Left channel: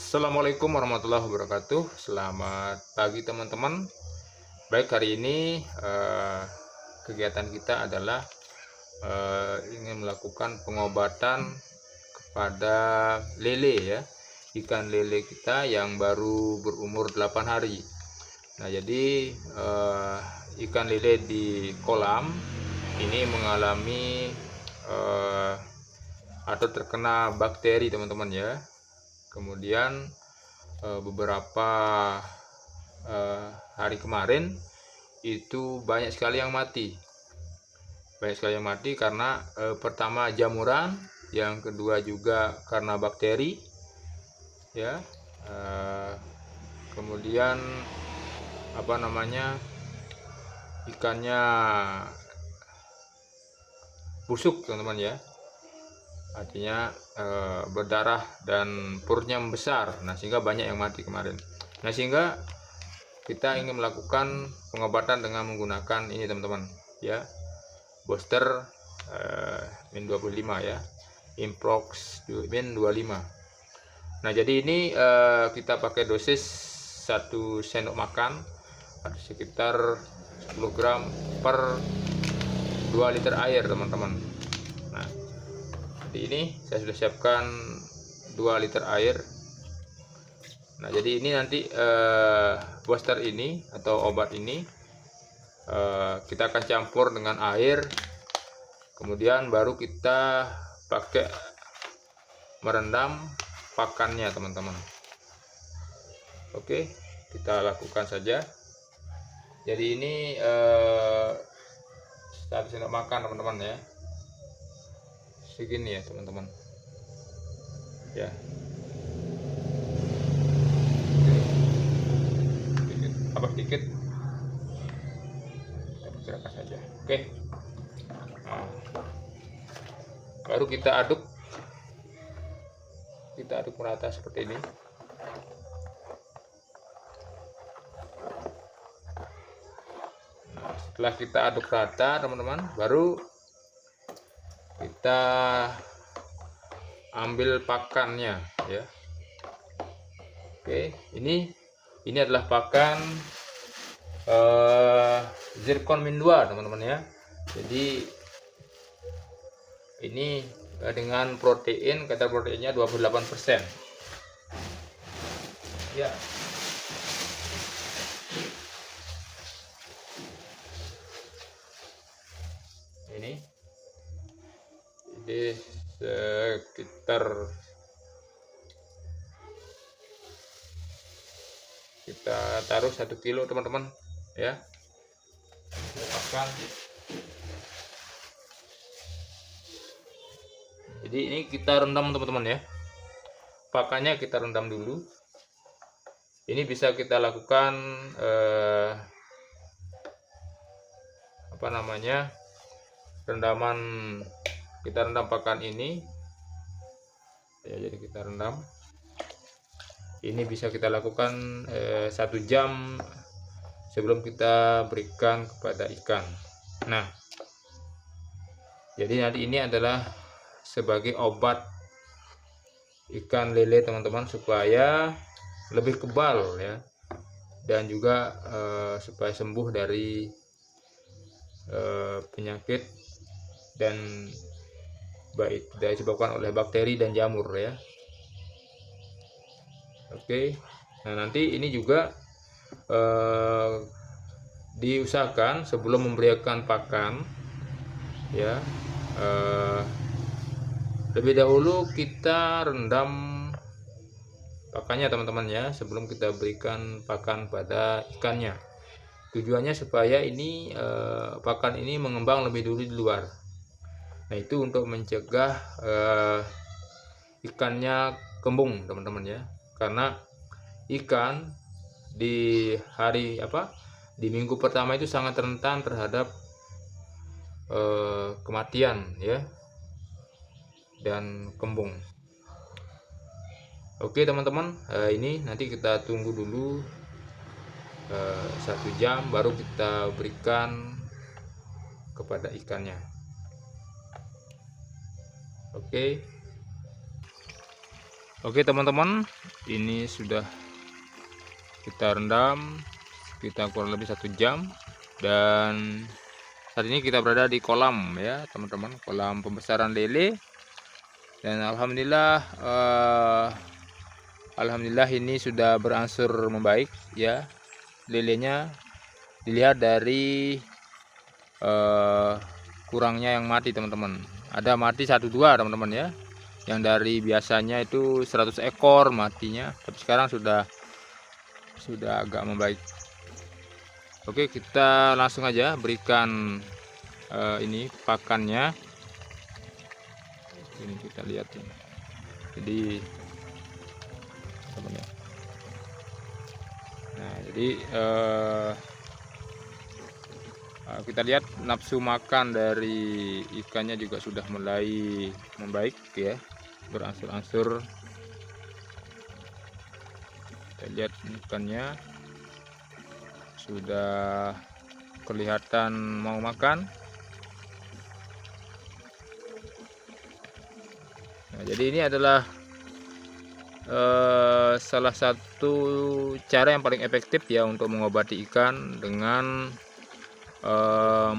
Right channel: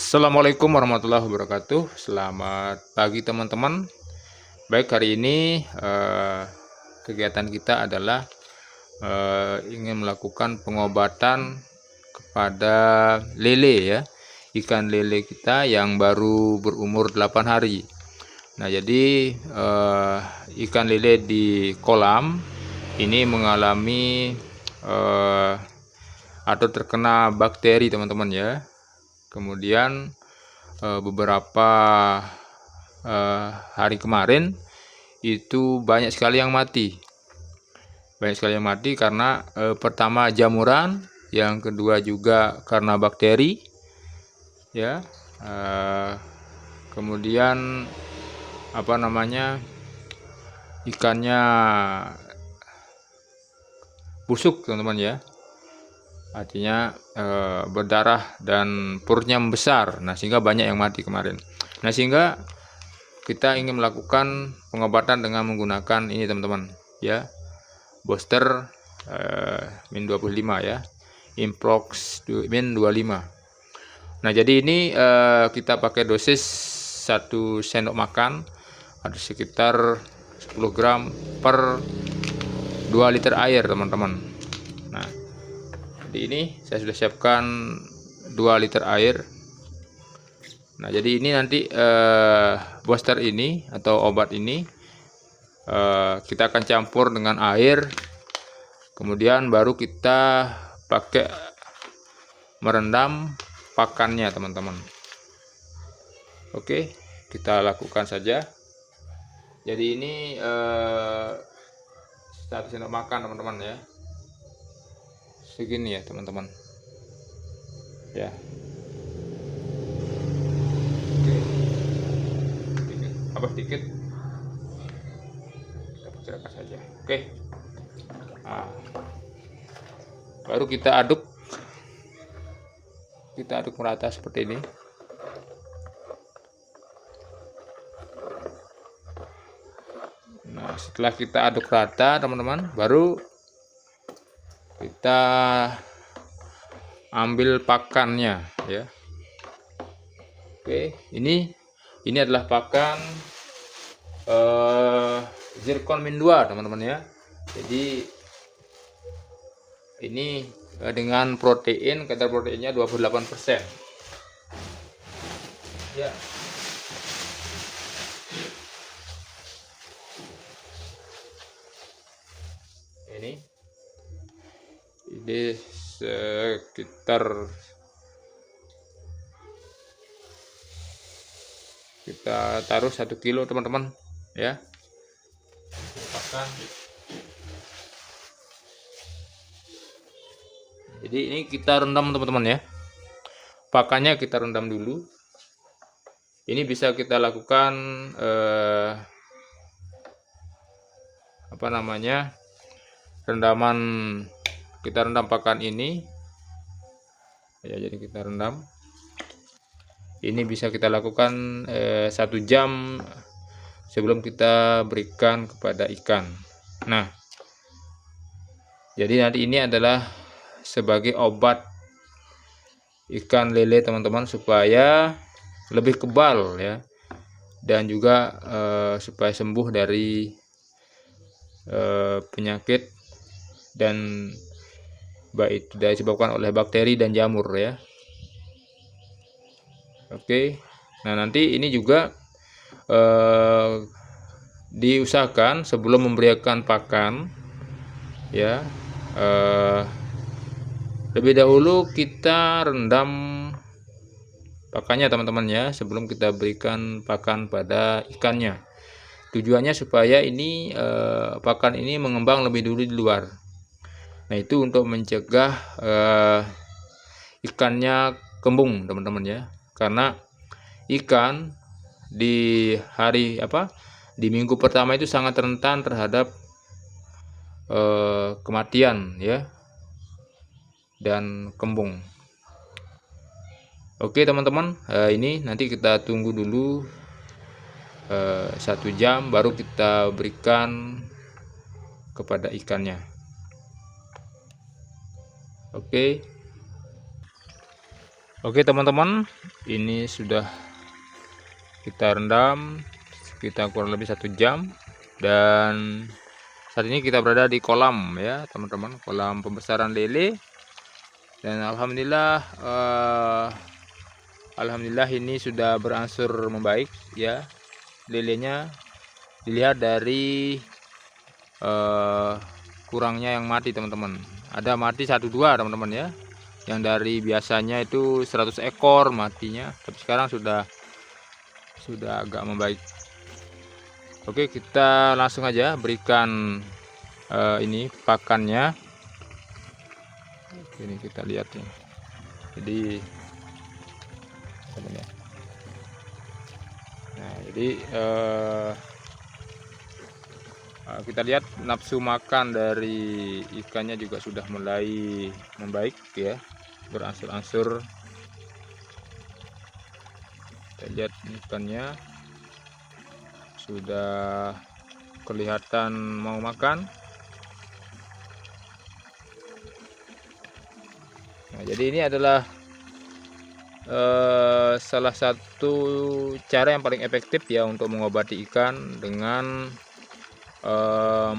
Assalamualaikum warahmatullahi wabarakatuh. Selamat pagi teman-teman. Baik, hari ini kegiatan kita adalah ingin melakukan pengobatan kepada lele ya, ikan lele kita yang baru berumur 8 hari. Nah, jadi ikan lele di kolam ini mengalami eh, atau terkena bakteri teman-teman ya. Kemudian beberapa hari kemarin itu banyak sekali yang mati. Banyak sekali yang mati karena pertama jamuran, yang kedua juga karena bakteri, ya. Eh, Kemudian apa namanya, ikannya busuk teman-teman ya. Artinya berdarah dan perutnya membesar. Nah, sehingga banyak yang mati kemarin. Nah, sehingga kita ingin melakukan pengobatan dengan menggunakan ini teman-teman ya, booster min 25 ya, Improx min 25. Nah, jadi ini kita pakai dosis 1 sendok makan ada sekitar 10 gram per 2 liter air teman-teman. Nah, jadi ini saya sudah siapkan 2 liter air. Nah, jadi ini nanti booster ini atau obat ini kita akan campur dengan air, kemudian baru kita pakai merendam pakannya teman-teman. Oke, kita lakukan saja. Jadi ini satu sendok makan teman-teman ya, segini ya teman-teman ya. Oke, sedikit kita perkirakan saja. Oke, nah, baru kita aduk merata seperti ini. Nah, setelah kita aduk rata teman-teman, baru kita ambil pakannya ya. Oke, ini adalah pakan zircon min 2 teman-teman ya. Jadi ini dengan protein, kadar proteinnya 28% ya. Ini sekitar kita taruh 1 kilo teman-teman ya, pakan. Jadi ini kita rendam teman-teman ya, pakannya kita rendam dulu. Ini bisa kita lakukan apa namanya, rendaman, kita rendam pakan ini ya. Jadi kita rendam ini, bisa kita lakukan 1 jam sebelum kita berikan kepada ikan. Nah, jadi nanti ini adalah sebagai obat ikan lele teman-teman, supaya lebih kebal ya, dan juga supaya sembuh dari penyakit dan baik itu disebabkan oleh bakteri dan jamur ya. Oke, nah nanti ini juga diusahakan sebelum memberikan pakan ya, lebih dahulu kita rendam pakannya teman-teman ya, sebelum kita berikan pakan pada ikannya. Tujuannya supaya ini pakan ini mengembang lebih dulu di luar. Nah, itu untuk mencegah ikannya kembung teman-teman ya, karena ikan di di minggu pertama itu sangat rentan terhadap kematian ya dan kembung. Oke teman-teman, ini nanti kita tunggu dulu 1 jam baru kita berikan kepada ikannya. Oke. Oke teman-teman, ini sudah kita rendam sekitar kurang lebih 1 jam, dan saat ini kita berada di kolam ya teman-teman, kolam pembesaran lele. Dan alhamdulillah ini sudah berangsur membaik ya. Lelenya dilihat dari kurangnya yang mati teman-teman. Ada mati 1-2 teman-teman ya, yang dari biasanya itu 100 ekor matinya, tapi sekarang sudah agak membaik. Oke, kita langsung aja berikan ini pakannya. Ini kita lihat nih. Jadi teman ya. Nah, jadi kita lihat nafsu makan dari ikannya juga sudah mulai membaik ya, berangsur-angsur. Kita lihat ikannya sudah kelihatan mau makan. Nah, jadi ini adalah salah satu cara yang paling efektif ya untuk mengobati ikan, dengan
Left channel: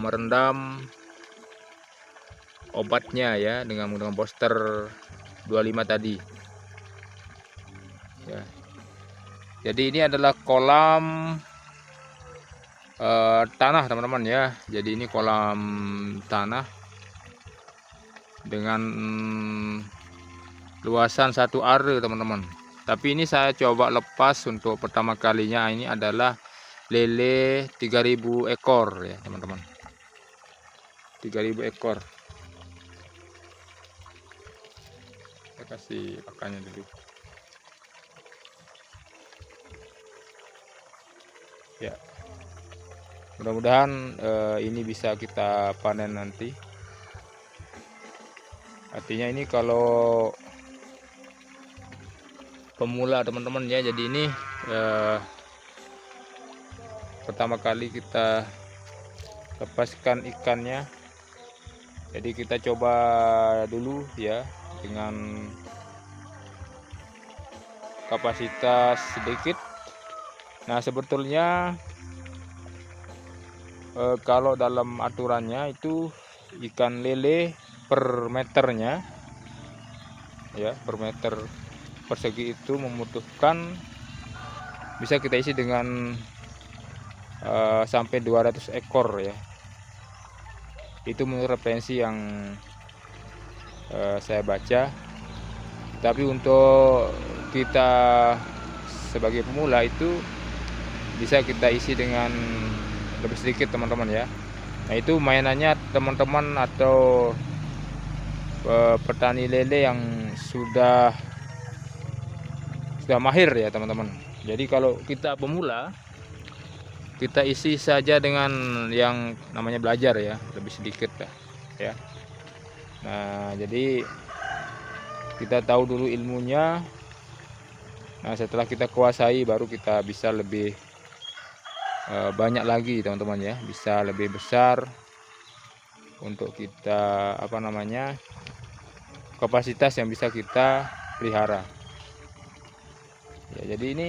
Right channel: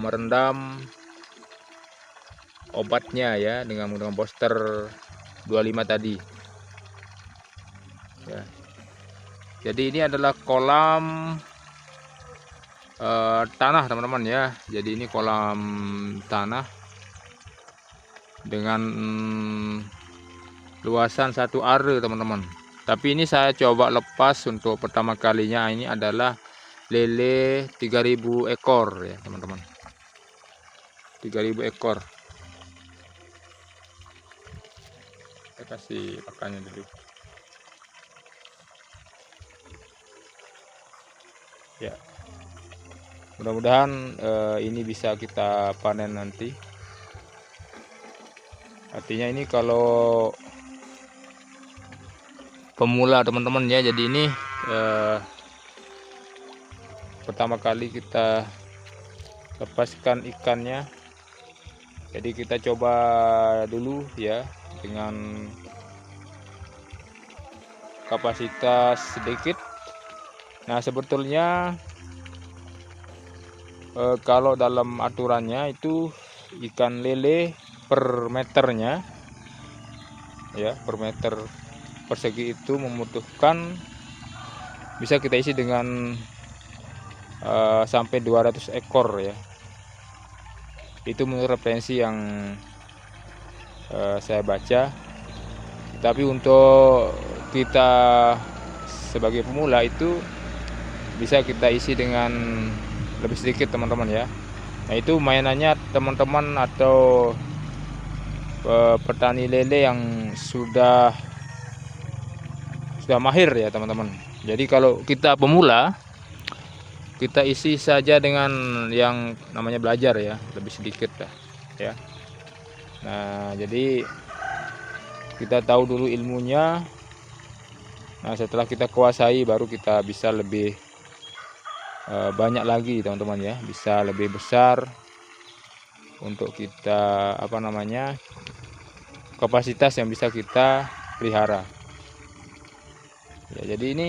merendam obatnya ya dengan menggunakan booster 25 tadi ya. Jadi ini adalah kolam tanah teman-teman ya. Jadi ini kolam tanah dengan luasan 1 are teman-teman. Tapi ini saya coba lepas untuk pertama kalinya, ini adalah lele 3000 ekor ya teman-teman, 3000 ekor. Saya kasih pakannya dulu ya. Mudah-mudahan ini bisa kita panen nanti. Artinya ini kalau pemula teman-teman ya, jadi ini pertama kali kita lepaskan ikannya. Jadi kita coba dulu ya dengan kapasitas sedikit. Nah, sebetulnya kalau dalam aturannya itu ikan lele per meternya ya, per meter persegi itu membutuhkan, bisa kita isi dengan sampai 200 ekor ya. Itu menurut referensi yang saya baca. Tapi untuk kita sebagai pemula itu bisa kita isi dengan lebih sedikit teman-teman ya. Nah, itu mainannya teman-teman atau petani lele yang sudah mahir ya teman-teman. Jadi kalau kita pemula, kita isi saja dengan yang namanya belajar ya, lebih sedikit ya. Nah, jadi kita tahu dulu ilmunya. Nah, setelah kita kuasai baru kita bisa lebih banyak lagi teman-teman ya, bisa lebih besar untuk kita kapasitas yang bisa kita pelihara ya. Jadi ini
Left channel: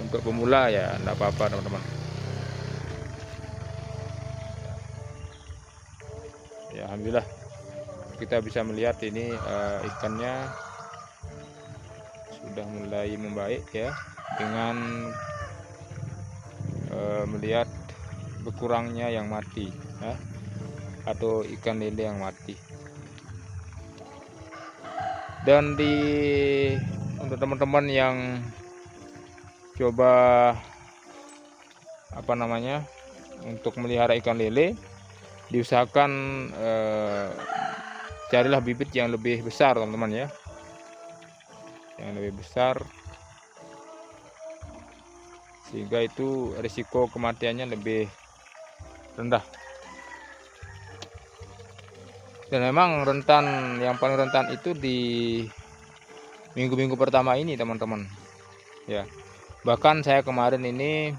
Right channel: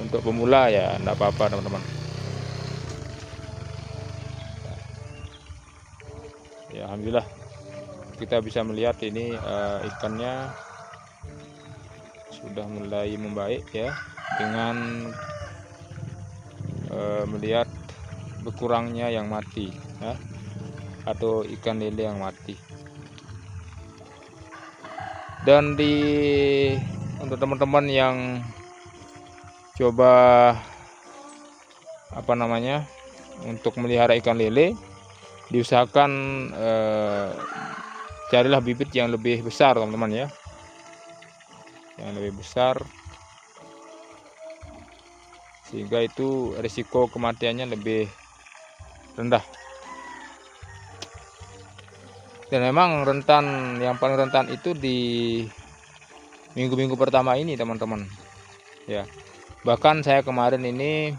untuk pemula ya enggak apa-apa teman-teman ya. Alhamdulillah kita bisa melihat ini ikannya sudah mulai membaik ya, dengan melihat berkurangnya yang mati ya, atau ikan lele yang mati. Dan untuk teman-teman yang coba untuk melihara ikan lele, diusahakan carilah bibit yang lebih besar teman-teman ya, yang lebih besar, sehingga itu risiko kematiannya lebih rendah. Dan memang yang paling rentan itu di minggu-minggu pertama ini teman-teman ya. Bahkan saya kemarin ini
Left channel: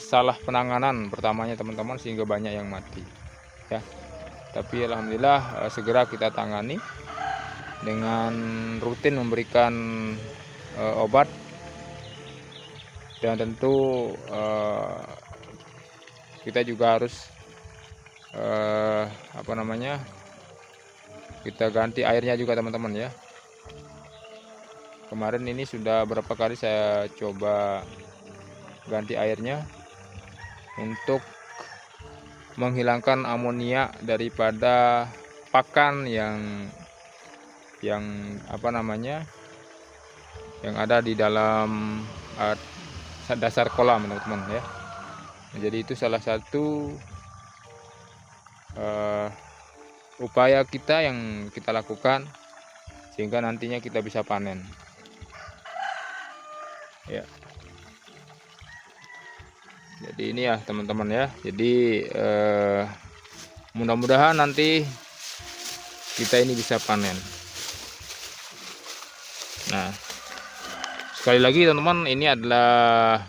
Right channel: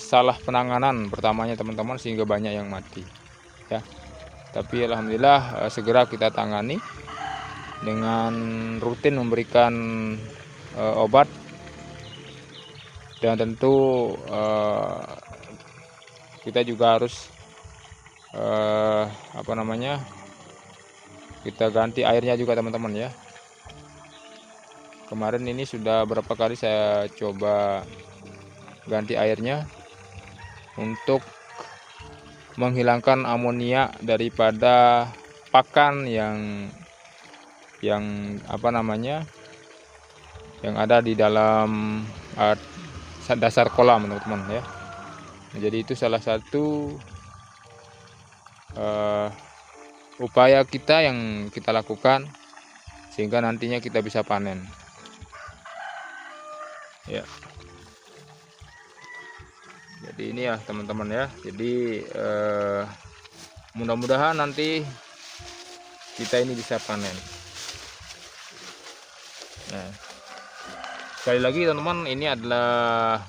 salah penanganan pertamanya teman-teman, sehingga banyak yang mati ya. Tapi alhamdulillah segera kita tangani dengan rutin memberikan obat, dan tentu kita juga harus kita ganti airnya juga teman-teman ya. Kemarin ini sudah berapa kali saya coba ganti airnya untuk menghilangkan amonia daripada pakan yang yang ada di dalam dasar kolam teman-teman ya. Jadi itu salah satu upaya kita yang kita lakukan sehingga nantinya kita bisa panen ya. Jadi ini ya teman-teman ya. Jadi mudah-mudahan nanti kita ini bisa panen. Nah, sekali lagi teman-teman, ini adalah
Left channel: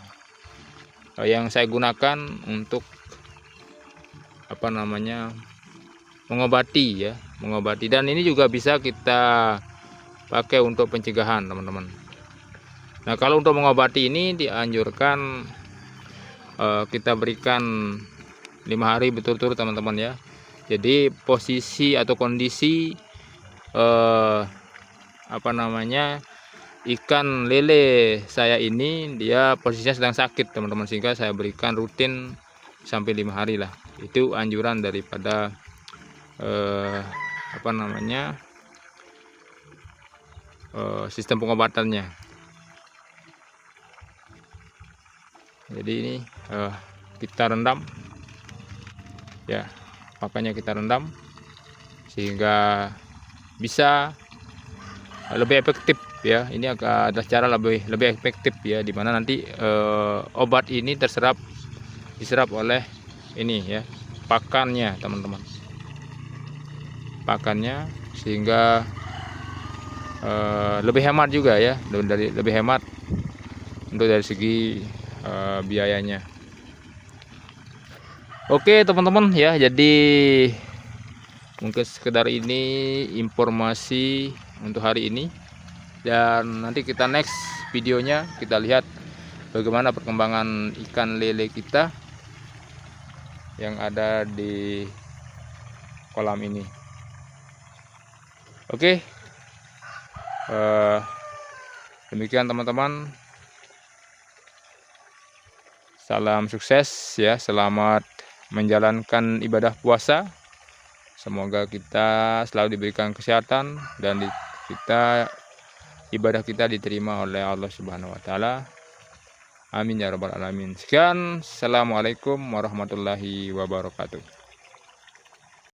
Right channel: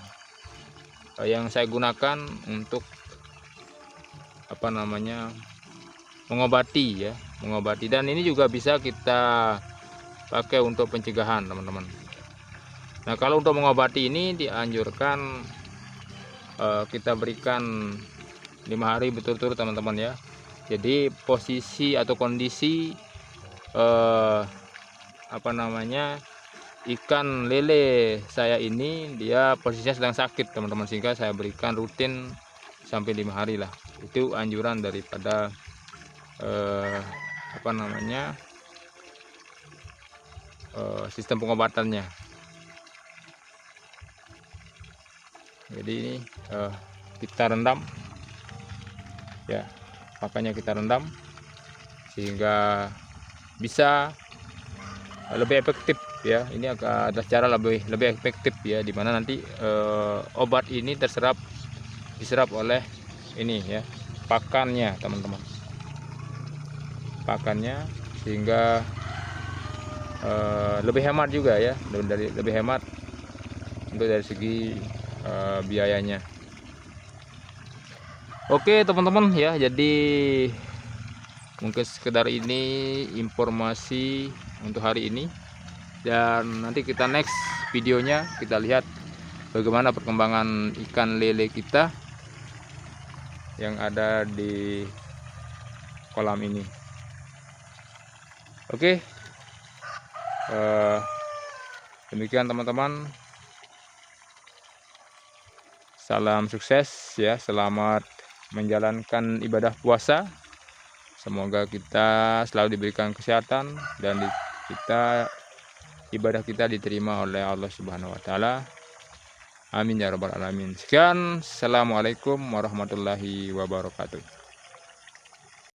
yang saya gunakan untuk mengobati ya, dan ini juga bisa kita pakai untuk pencegahan teman-teman. Nah, kalau untuk mengobati ini dianjurkan kita berikan 5 hari berturut-turut teman-teman ya. Jadi posisi atau kondisi ikan lele saya ini dia posisinya sedang sakit teman-teman, sehingga saya berikan rutin sampai 5 hari lah. Itu anjuran daripada sistem pengobatannya. Jadi ini kita rendam ya, makanya kita rendam sehingga bisa lebih efektif ya. Ini ada cara lebih efektif ya, dimana nanti obat ini diserap oleh ini ya, pakannya teman-teman, pakannya, sehingga lebih hemat juga ya, lebih hemat untuk dari segi biayanya. Oke teman-teman ya, jadi mungkin sekedar ini informasi untuk hari ini, dan nanti kita next videonya kita lihat bagaimana perkembangan ikan lele kita yang ada di kolam ini. Oke, demikian teman-teman, salam sukses ya, selamat menjalankan ibadah puasa. Semoga kita selalu diberikan kesehatan dan ibadah kita diterima oleh Allah Subhanahu wa taala. Amin ya rabbal alamin. Sekian, assalamualaikum warahmatullahi wabarakatuh.